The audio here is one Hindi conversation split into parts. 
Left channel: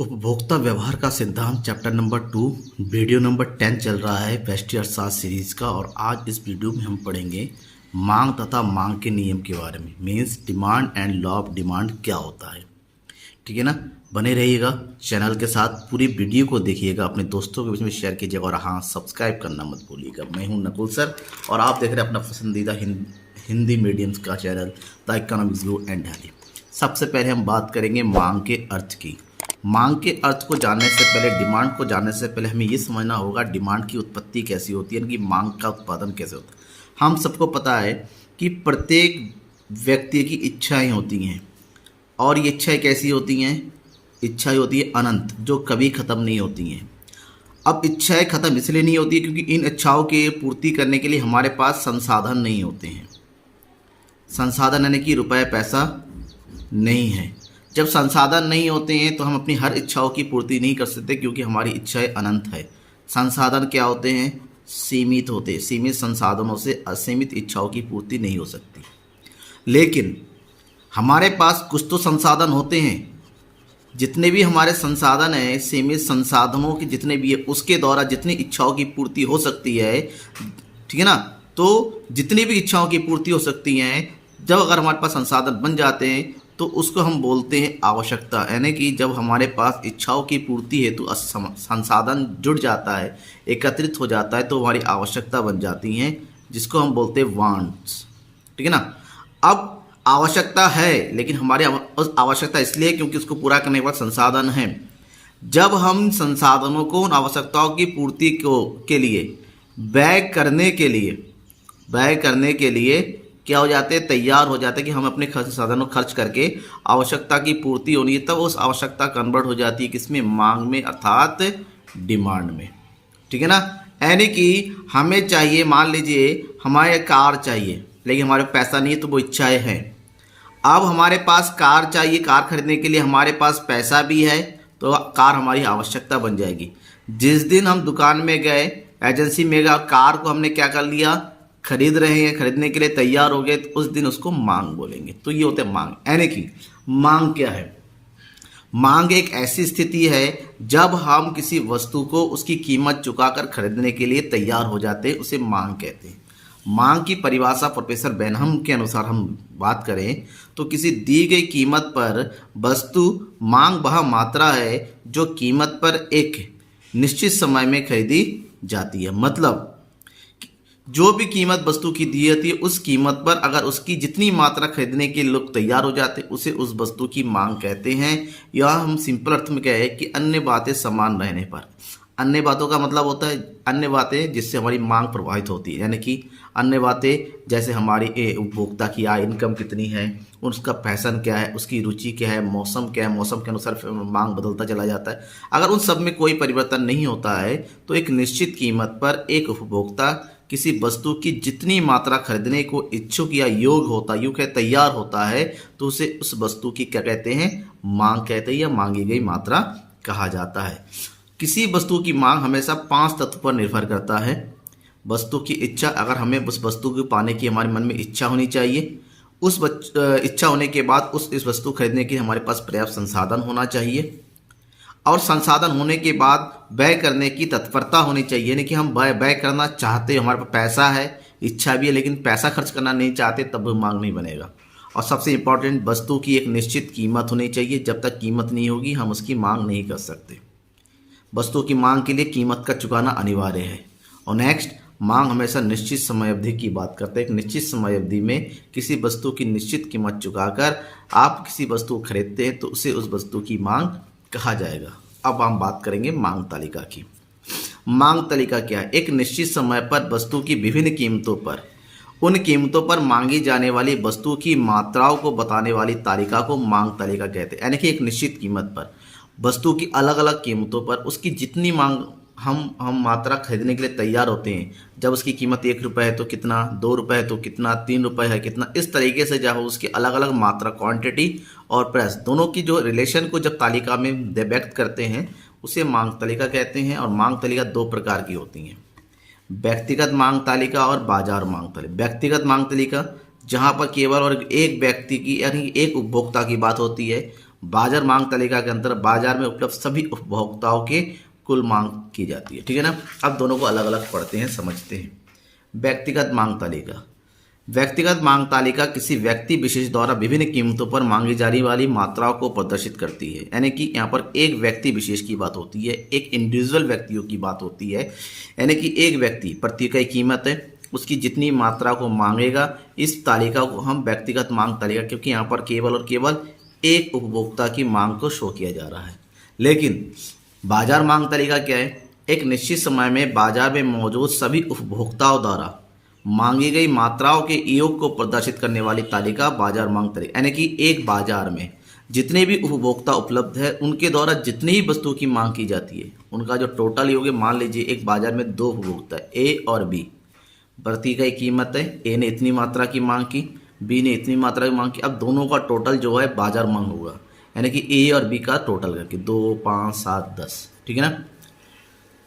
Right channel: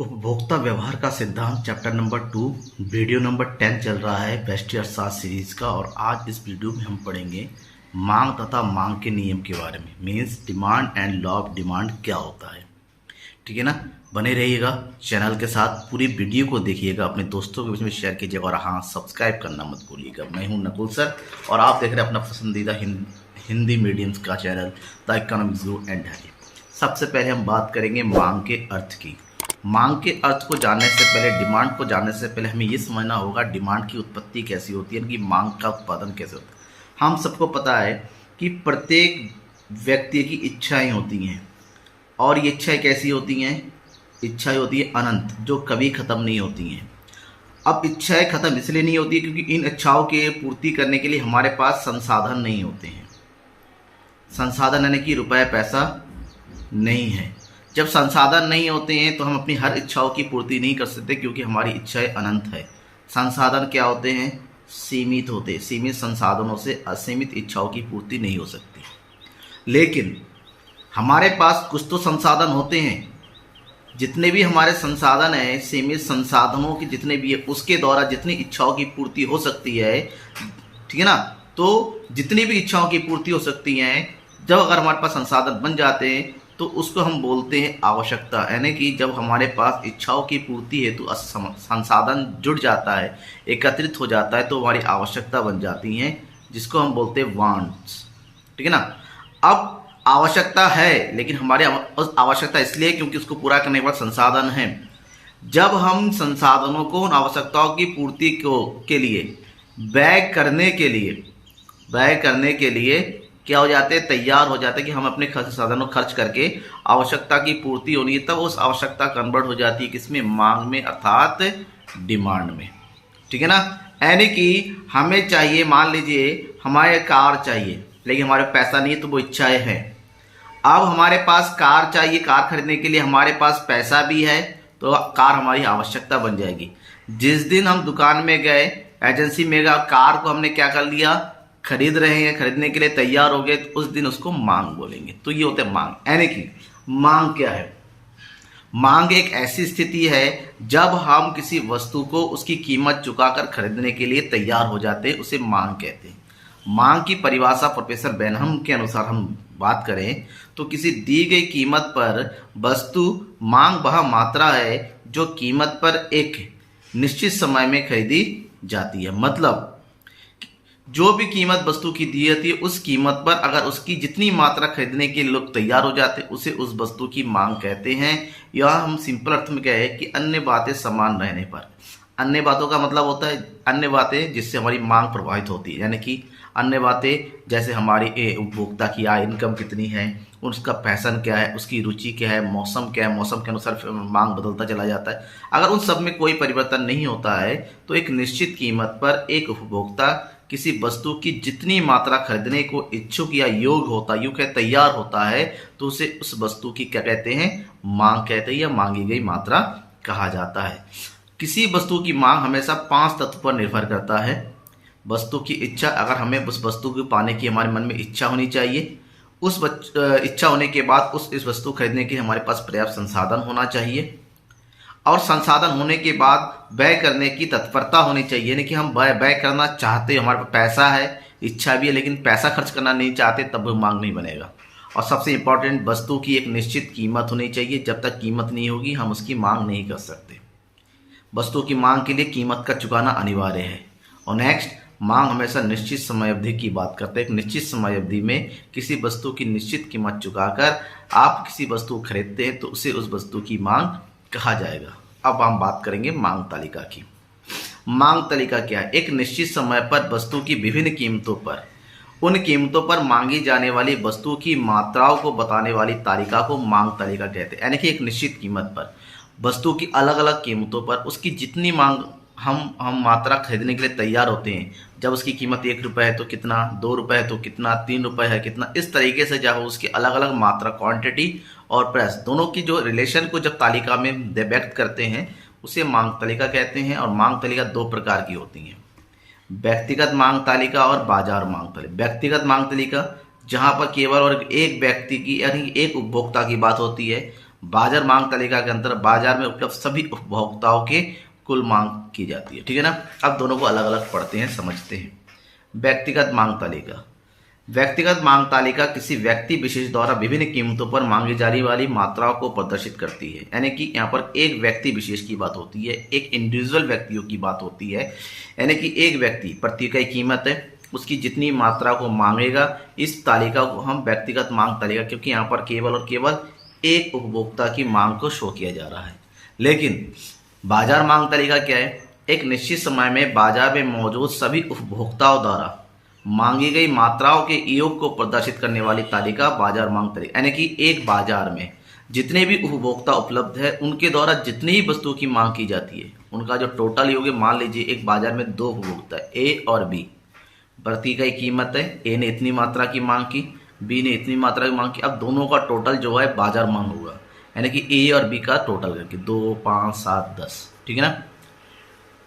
उपभोक्ता व्यवहार का सिद्धांत चैप्टर नंबर 2 वीडियो नंबर 10 चल रहा है बेस्ट अर्थशास्त्र सीरीज का। और आज इस वीडियो में हम पढ़ेंगे मांग तथा मांग के नियम के बारे में। Means demand and law of demand क्या होता है। ठीक है ना, बने रहिएगा चैनल के साथ, पूरी वीडियो को देखिएगा, अपने दोस्तों के बीच में शेयर कीजिएगा और हाँ, सब्सक्राइब करना मत भूलिएगा। मैं हूँ नकुल सर और आप देख रहे हैं अपना पसंदीदा हिंदी मीडियम का channel the economics go and healthy. सबसे पहले हम बात करेंगे मांग के अर्थ की। मांग के अर्थ को जानने से पहले, डिमांड को जानने से पहले हमें ये समझना होगा डिमांड की उत्पत्ति कैसी होती है, कि मांग का उत्पादन कैसे होता है। हम सबको पता है कि प्रत्येक व्यक्ति की इच्छाएं होती हैं और ये इच्छाएं कैसी होती हैं। इच्छाएं होती है अनंत, जो कभी ख़त्म नहीं होती हैं। अब इच्छाएं ख़त्म इसलिए नहीं होती क्योंकि इन इच्छाओं की पूर्ति करने के लिए हमारे पास संसाधन नहीं होते हैं। संसाधन यानी कि रुपए पैसा नहीं है। जब संसाधन नहीं होते हैं तो हम अपनी हर इच्छाओं की पूर्ति नहीं कर सकते, क्योंकि हमारी इच्छाएं अनंत है। संसाधन क्या होते हैं? सीमित होते हैं। सीमित संसाधनों से असीमित इच्छाओं की पूर्ति नहीं हो सकती। लेकिन हमारे पास कुछ तो संसाधन होते हैं। जितने भी हमारे संसाधन हैं, सीमित संसाधनों के जितने भी है, उसके द्वारा जितनी इच्छाओं की पूर्ति हो सकती है, ठीक है ना। तो जितनी भी इच्छाओं की पूर्ति हो सकती हैं, जब अगर हमारे पास संसाधन बन जाते हैं तो उसको हम बोलते हैं आवश्यकता। यानी कि जब हमारे पास इच्छाओं की पूर्ति है तो संसाधन जुड़ जाता है, एकत्रित हो जाता है, तो हमारी आवश्यकता बन जाती हैं, जिसको हम बोलते हैं वांट्स। ठीक है ना। अब आवश्यकता है, लेकिन हमारे आवश्यकता इसलिए क्योंकि उसको पूरा करने के बाद संसाधन है। जब हम संसाधनों को उन आवश्यकताओं की पूर्ति के लिए व्यय करने के लिए क्या हो जाते हैं, तैयार हो जाते हैं कि हम अपने संसाधनों खर्च करके आवश्यकता की पूर्ति होनी है, तब उस आवश्यकता कन्वर्ट हो जाती है किसमें? मांग में, अर्थात डिमांड में। ठीक है ना। यानी कि हमें चाहिए, मान लीजिए हमारे कार चाहिए लेकिन हमारे पैसा नहीं है, तो वो इच्छाएं हैं। अब हमारे पास कार चाहिए, कार खरीदने के लिए हमारे पास पैसा भी है, तो कार हमारी आवश्यकता बन जाएगी। जिस दिन हम दुकान में गए, एजेंसी में गए, कार को हमने क्या कर लिया, खरीद रहे हैं, खरीदने के लिए तैयार हो गए, तो उस दिन उसको मांग बोलेंगे। तो ये होता है मांग। यानी कि मांग क्या है? मांग एक ऐसी स्थिति है जब हम किसी वस्तु को उसकी कीमत चुकाकर खरीदने के लिए तैयार हो जाते हैं, उसे मांग कहते हैं। मांग की परिभाषा प्रोफेसर बेनहम के अनुसार हम बात करें तो किसी दी गई कीमत पर वस्तु मांग वह मात्रा है जो कीमत पर एक निश्चित समय में खरीदी जाती है। मतलब जो भी कीमत वस्तु की दी जाती है, उस कीमत पर अगर उसकी जितनी मात्रा खरीदने के लोग तैयार हो जाते हैं, उसे उस वस्तु की मांग कहते हैं। या हम सिंपल अर्थ में कहें कि अन्य बातें समान रहने पर। अन्य बातों का मतलब होता है अन्य बातें जिससे हमारी मांग प्रभावित होती है। यानी कि अन्य बातें जैसे हमारी उपभोक्ता की आय, इनकम कितनी है, उसका फैशन क्या है, उसकी रुचि क्या है, मौसम क्या है, मौसम के अनुसार मांग बदलता चला जाता है। अगर उन सब में कोई परिवर्तन नहीं होता है तो एक निश्चित कीमत पर एक उपभोक्ता किसी वस्तु की जितनी मात्रा खरीदने को इच्छुक या योग्य तैयार होता है, तो उसे उस वस्तु की क्या कहते हैं? मांग कहते हैं, या मांगी गई मात्रा कहा जाता है। किसी वस्तु की मांग हमेशा 5 तत्व पर निर्भर करता है। वस्तु की इच्छा, अगर हमें उस वस्तु को पाने की हमारे मन में इच्छा होनी चाहिए। उस इच्छा होने के बाद इस वस्तु खरीदने के हमारे पास पर्याप्त संसाधन होना चाहिए, और संसाधन होने के बाद व्यय करने की तत्परता होनी चाहिए। यानी कि हम व्यय करना चाहते हैं, हमारे पास पैसा है, इच्छा भी है, लेकिन पैसा खर्च करना नहीं चाहते, तब मांग नहीं बनेगा। और सबसे इम्पोर्टेंट, वस्तु की एक निश्चित कीमत होनी चाहिए। जब तक कीमत नहीं होगी हम उसकी मांग नहीं कर सकते। वस्तु की मांग के लिए कीमत का चुकाना अनिवार्य है। और नेक्स्ट, मांग हमेशा निश्चित समय अवधि की बात करते हैं। एक निश्चित समय अवधि में किसी वस्तु की निश्चित कीमत चुकाकर आप किसी वस्तु को खरीदते हैं, तो उसे उस वस्तु की मांग कहा जाएगा। अब हम बात करेंगे मांग तालिका की। मांग तालिका क्या है? एक निश्चित समय पर वस्तु की विभिन्न कीमतों पर, उन कीमतों पर मांगी जाने वाली वस्तु की मात्राओं को बताने वाली तालिका को मांग तालिका कहते हैं। यानी कि एक निश्चित कीमत पर वस्तु की अलग अलग कीमतों पर उसकी जितनी मांग हम मात्रा खरीदने के लिए तैयार होते हैं, जब उसकी कीमत 1 रुपये है तो कितना, 2 रुपये है तो कितना, 3 रुपये है कितना, इस तरीके से जब उसकी अलग अलग मात्रा, क्वांटिटी और प्राइस दोनों की जो रिलेशन को जब तालिका में व्यक्त करते हैं, उसे मांग तालिका कहते हैं। और मांग तालिका 2 प्रकार की होती हैं, व्यक्तिगत मांग तालिका और बाजार मांग तालिका। व्यक्तिगत मांग तालिका जहाँ पर केवल और एक व्यक्ति की यानी एक उपभोक्ता की बात होती है। बाजार मांग तालिका के अंतर्गत बाजार में उपलब्ध सभी उपभोक्ताओं के कुल मांग की जाती है। ठीक है ना। अब दोनों को अलग अलग पढ़ते हैं, समझते हैं। व्यक्तिगत मांग तालिका। व्यक्तिगत मांग तालिका किसी व्यक्ति विशेष द्वारा विभिन्न कीमतों पर मांगी जाने वाली मात्राओं को प्रदर्शित करती है। यानी कि यहाँ पर एक व्यक्ति विशेष की बात होती है, एक इंडिविजुअल व्यक्तियों की बात होती है। यानी कि एक व्यक्ति प्रति इकाई कीमत है, उसकी जितनी मात्रा को मांगेगा, इस तालिका को हम व्यक्तिगत मांग तालिका, क्योंकि यहाँ पर केवल और केवल एक उपभोक्ता की मांग को शो किया जा रहा है। लेकिन बाजार मांग तालिका क्या है? एक निश्चित समय में बाजार में मौजूद सभी उपभोक्ताओं द्वारा मांगी गई मात्राओं के योग को प्रदर्शित करने वाली तालिका बाजार मांग तालिका। यानी कि एक बाजार में जितने भी उपभोक्ता उपलब्ध है, उनके द्वारा जितनी ही वस्तुओं की मांग की जाती है, उनका जो टोटल योग है, मान लीजिए एक बाजार में दो उपभोक्ता है, ए और बी, प्रति इकाई कीमत है, ए ने इतनी मात्रा की मांग की, बी ने इतनी मात्रा की मांग की। अब दोनों का टोटल जो है बाजार मांग होगा, यानी कि ए और बी का टोटल करके 2, 5, 7, 10। ठीक है ना।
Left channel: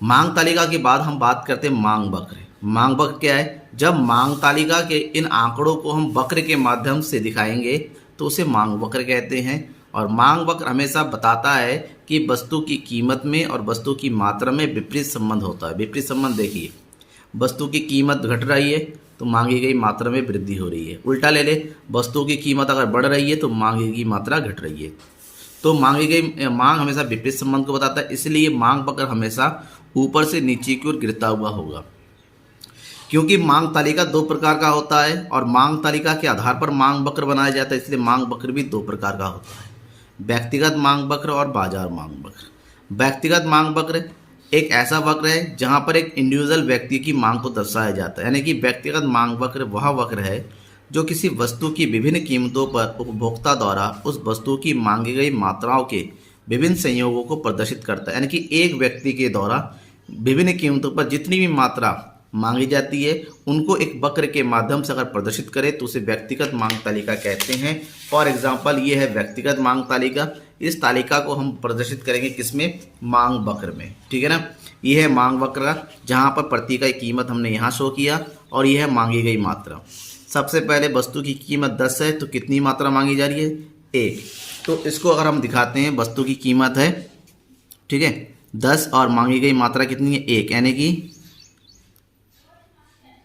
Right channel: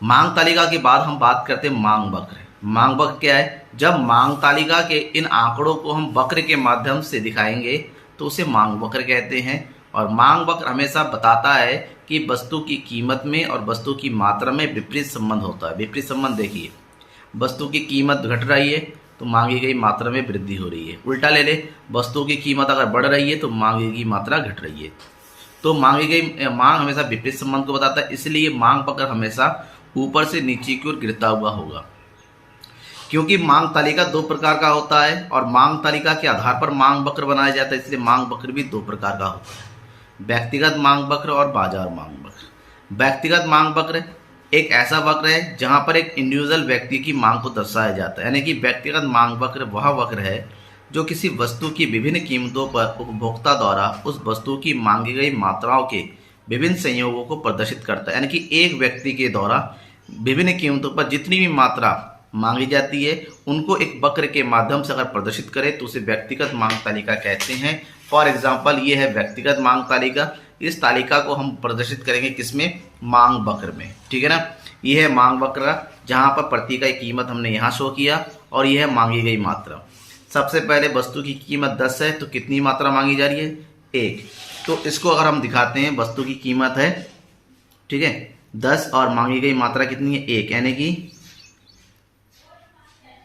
मांग तालिका के बाद हम बात करते हैं मांग वक्र। मांग वक्र क्या है? जब मांग तालिका के इन आंकड़ों को हम वक्र के माध्यम से दिखाएंगे तो उसे मांग वक्र कहते हैं। और मांग वक्र हमेशा बताता है कि वस्तु की कीमत में और वस्तु की मात्रा में विपरीत संबंध होता है। विपरीत संबंध देखिए, वस्तु की कीमत घट रही है तो मांगी गई मात्रा में वृद्धि हो रही है। उल्टा ले ले, वस्तु की कीमत अगर बढ़ रही है तो मांगी गई मात्रा घट रही है। तो मांगी गई मांग हमेशा विपरीत संबंध को बताता है, इसलिए मांग वक्र हमेशा ऊपर से नीचे की ओर गिरता हुआ होगा। क्योंकि मांग तालिका दो प्रकार का होता है और मांग तालिका के आधार पर मांग वक्र बनाया जाता है, इसलिए मांग वक्र भी दो प्रकार का होता है, व्यक्तिगत मांग वक्र और बाजार मांग वक्र। व्यक्तिगत मांग वक्र एक ऐसा वक्र है जहां पर एक इंडिविजुअल व्यक्ति की मांग को दर्शाया जाता है। यानी कि व्यक्तिगत मांग वक्र वह वक्र है जो किसी वस्तु की विभिन्न कीमतों पर उपभोक्ता द्वारा उस वस्तु की मांगी गई मात्राओं के विभिन्न संयोगों को प्रदर्शित करता है। यानी कि एक व्यक्ति के द्वारा विभिन्न कीमतों पर जितनी भी मात्रा मांगी जाती है, उनको एक वक्र के माध्यम से अगर प्रदर्शित करें तो उसे व्यक्तिगत मांग तालिका कहते हैं। फॉर एग्जाम्पल, ये है व्यक्तिगत मांग तालिका। इस तालिका को हम प्रदर्शित करेंगे किसमें? मांग वक्र में। ठीक है ना। ये है मांग वक्र, जहाँ पर प्रति इकाई कीमत हमने यहाँ शो किया और यह है मांगी गई मात्रा। सबसे पहले वस्तु की कीमत 10 है तो कितनी मात्रा मांगी जा रही है? 1। तो इसको अगर हम दिखाते हैं, वस्तु की कीमत है, ठीक है, 10 और मांगी गई मात्रा कितनी है? 1, यानी कि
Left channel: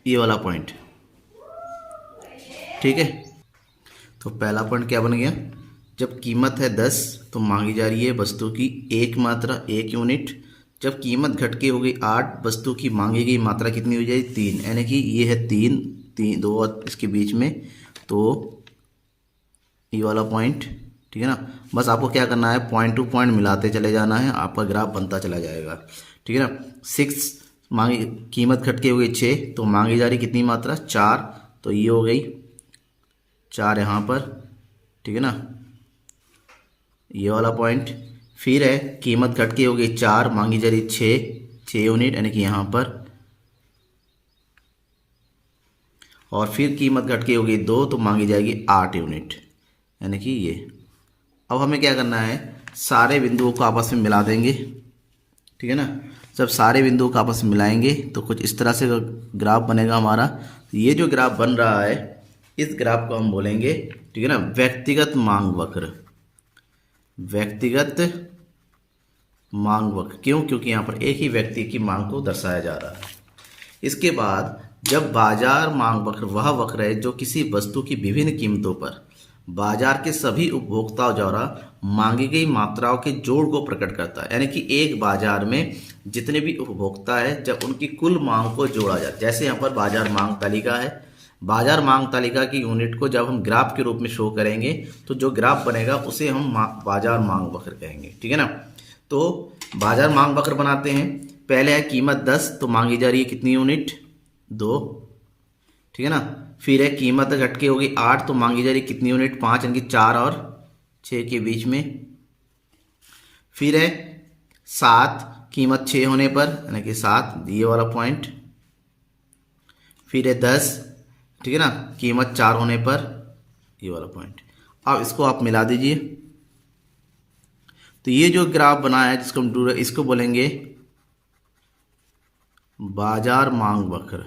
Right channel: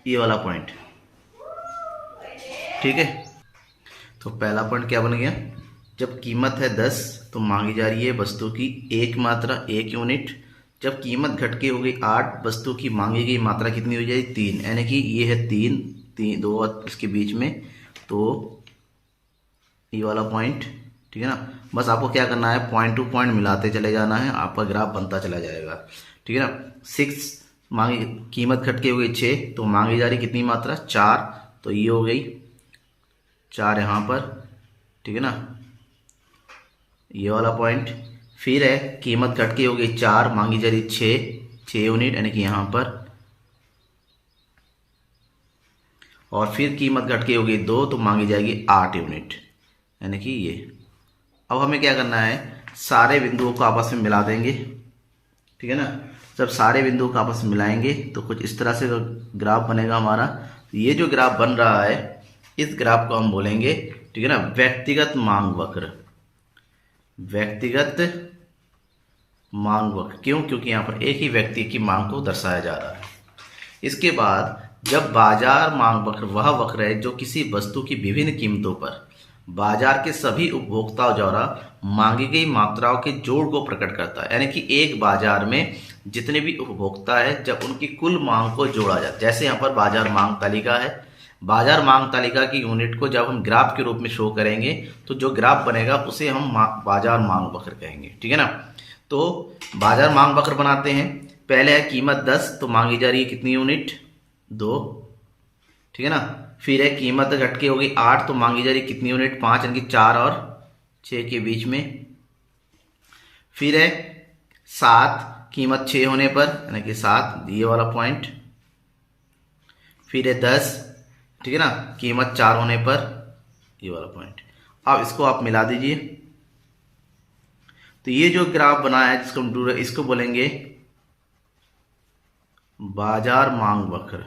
ये वाला पॉइंट। ठीक है। तो पहला पॉइंट क्या बन गया? जब कीमत है 10 तो मांगी जा रही है वस्तु की 1 मात्रा, 1 यूनिट। जब कीमत घट के हो गई 8, वस्तु की मांगी गई मात्रा कितनी हो जाएगी? 3, यानी कि ये है 3, 2 इसके बीच में, तो ये वाला पॉइंट। ठीक है ना। बस आपको क्या करना है, पॉइंट टू पॉइंट मिलाते चले जाना है, आपका ग्राफ बनता चला जाएगा। ठीक है ना। 6 मांगी, कीमत घट के हो गई 6 तो मांगी जा रही कितनी मात्रा? 4, तो ये हो गई 4 यहाँ पर। ठीक है ना, ये वाला पॉइंट। फिर है कीमत घट के हो गई 4, मांगी जा रही 6 यूनिट, यानी कि यहाँ पर। और फिर कीमत घट के हो गई 2 तो मांगी जाएगी 8 यूनिट, यानी कि ये। अब हमें क्या करना है, सारे बिंदुओं को आपस में मिला देंगे। ठीक है ना। जब सारे बिंदुओं को आपस में मिलाएंगे तो कुछ इस तरह से ग्राफ बनेगा हमारा। ये जो ग्राफ बन रहा है, इस ग्राफ को हम बोलेंगे, ठीक है ना, व्यक्तिगत मांग वक्र। व्यक्तिगत मांग वक्र क्यों? क्योंकि यहाँ पर एक ही व्यक्ति की मांग को दर्शाया जा रहा है। इसके बाद जब बाजार मांग वक्र वह वक्र है जो किसी वस्तु की विभिन्न कीमतों पर बाजार के सभी उपभोक्ताओं द्वारा मांगी गई मात्राओं के जोड़ को प्रकट करता है। यानी कि एक बाजार में जितने भी उपभोक्ता है, जब उनकी कुल मांग को जोड़ा जाए, जैसे यहाँ पर बाजार मांग तालिका है, बाजार मांग तालिका की यूनिट को जब हम ग्राफ के रूप में शो करेंगे तो जो ग्राफ बनेगा उसे हम बाजार मांग वक्र कहेंगे। ठीक है ना। तो बाजार मांग वक्र बनाते हैं। पहले है कीमत 10 तो मांगी जा रही है कितनी यूनिट? 2। ठीक है ना। फिर है कीमत घट के हो गई 8 तो मांगी जा रही है कितनी यूनिट? 5, यानी कि 4 और 6 के बीच में। फिर है 7, कीमत 6 होने पर, यानी कि 7, ये वाला पॉइंट। फिर है 10, ठीक है ना, कीमत 4 होने पर, ये वाला पॉइंट। अब इसको आप मिला दीजिए तो ये जो ग्राफ बनाया है, जिसको हम इसको बोलेंगे बाजार मांग वक्र।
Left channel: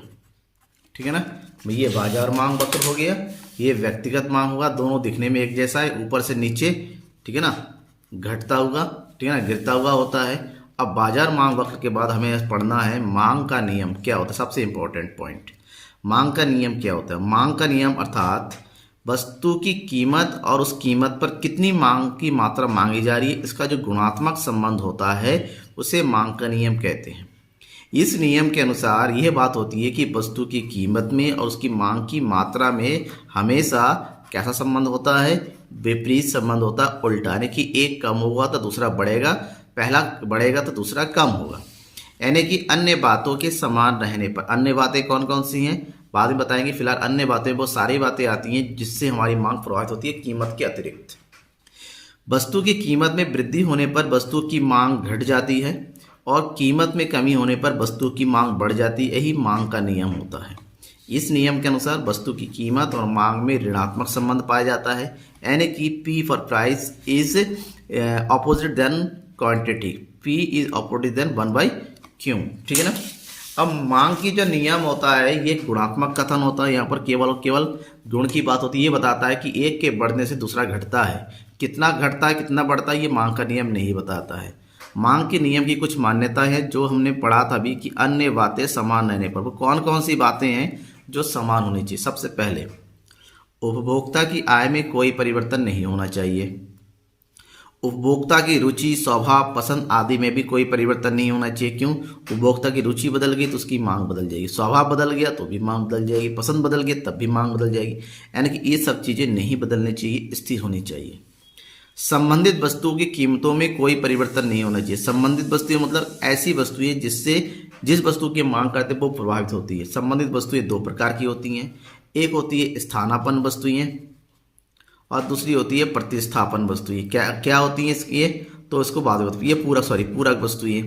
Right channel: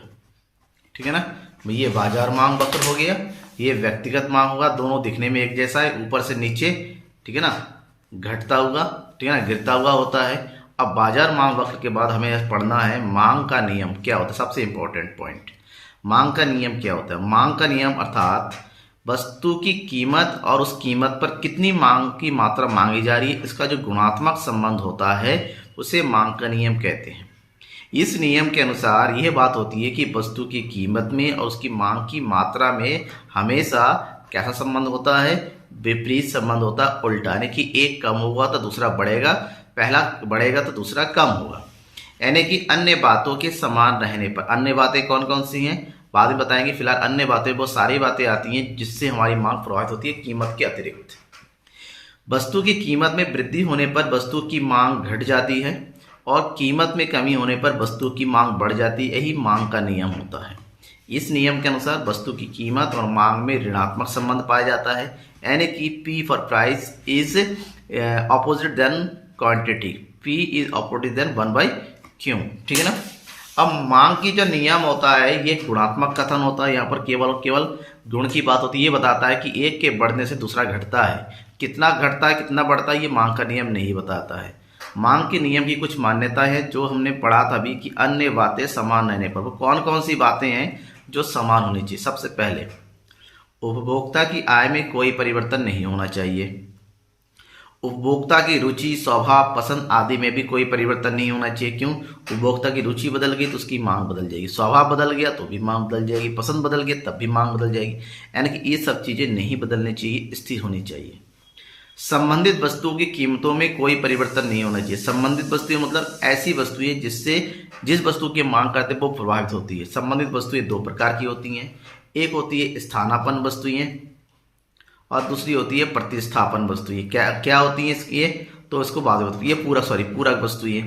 ठीक है ना। ये बाजार मांग वक्र हो गया, ये व्यक्तिगत मांग होगा। दोनों दिखने में एक जैसा है, ऊपर से नीचे। ठीक है ना। घटता हुआ, ठीक है ना, गिरता हुआ होता है। अब बाजार मांग वक्र के बाद हमें पढ़ना है मांग का नियम क्या होता है, सबसे इंपॉर्टेंट पॉइंट। मांग का नियम क्या होता है? मांग का नियम अर्थात वस्तु की कीमत और उस कीमत पर कितनी मांग की मात्रा मांगी जा रही है, इसका जो गुणात्मक संबंध होता है उसे मांग का नियम कहते हैं। इस नियम के अनुसार यह बात होती है कि वस्तु की कीमत में और उसकी मांग की मात्रा में हमेशा कैसा संबंध होता है? विपरीत संबंध होता है, उल्टा, यानी कि एक कम होगा तो दूसरा बढ़ेगा, पहला बढ़ेगा तो दूसरा कम होगा। यानी कि अन्य बातों के समान रहने पर। अन्य बातें कौन कौन सी हैं बाद में बताएंगे, फिलहाल अन्य बातें बहुत सारी बातें आती हैं जिससे हमारी मांग प्रभावित होती है कीमत के अतिरिक्त। वस्तु की कीमत में वृद्धि होने पर वस्तु की मांग घट जाती है और कीमत में कमी होने पर वस्तु की मांग बढ़ जाती है। यही मांग का नियम होता है। इस नियम के अनुसार वस्तु की कीमत और मांग में ऋणात्मक संबंध पाया जाता है, यानी कि P for price is opposite than quantity, P is opposite than 1/Q, ठीक है ना। अब मांग की जो नियम होता है ये गुणात्मक कथन होता है, यहाँ पर केवल गुण की बात होती है। ये बताता है कि एक के बढ़ने से दूसरा घटता है, कितना घटता है कितना बढ़ता है ये मांग का नियम नहीं बताता है। मांग के नियम की कुछ मान्यता है जो हमने पढ़ा था अभी कि अन्य बातें समान रहने पर। वो कौन कौन सी बातें हैं जो समान होनी चाहिए? सबसे पहले उपभोक्ता की आय में कोई परिवर्तन नहीं होना चाहिए। उपभोक्ता की रुचि, स्वभाव, पसंद आदि में भी कोई परिवर्तन नहीं होना चाहिए। क्यों? उपभोक्ता की रुचि बदल गई तो उसकी मांग बदल जाएगी, स्वभाव बदल गया तो भी मांग बदल जाएगी, पसंद बदल गई तब भी मांग बदल जाएगी। यानी कि ये सब चीज़ें नहीं बदलनी चाहिए, स्थिर होनी चाहिए। संबंधित वस्तुओं की कीमतों में कोई परिवर्तन नहीं होना चाहिए। संबंधित वस्तुएं मतलब ऐसी वस्तुएं जिस वस्तु की मांग करते हैं वो प्रभावित होती है। संबंधित वस्तुएं दो प्रकार की होती हैं, एक होती है स्थानापन्न वस्तुएं और दूसरी होती है प्रतिस्थापन वस्तुएं। क्या क्या होती हैं ये तो इसको बाद में ये पूरक वस्तुएं।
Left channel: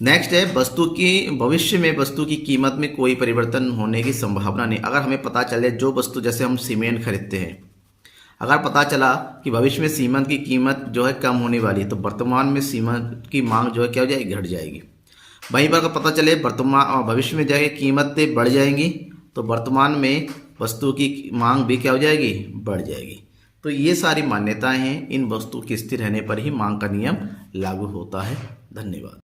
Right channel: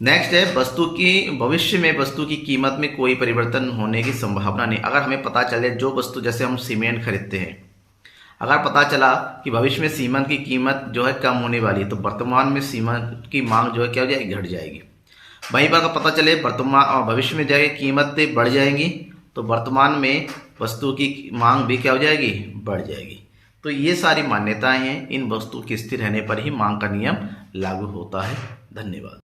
नेक्स्ट है वस्तु की भविष्य में वस्तु की कीमत में कोई परिवर्तन होने की संभावना नहीं। अगर हमें पता चले जो वस्तु, जैसे हम सीमेंट खरीदते हैं, अगर पता चला कि भविष्य में सीमेंट की कीमत जो है कम होने वाली है तो वर्तमान में सीमेंट की मांग जो है क्या हो जाएगी? घट जाएगी। वहीं पर अगर पता चले भविष्य में जाएगी कीमतें बढ़ जाएंगी तो वर्तमान में वस्तु की मांग भी क्या हो जाएगी? बढ़ जाएगी। तो ये सारी मान्यताएं हैं, इन वस्तु के स्थिर रहने पर ही मांग का नियम लागू होता है। धन्यवाद।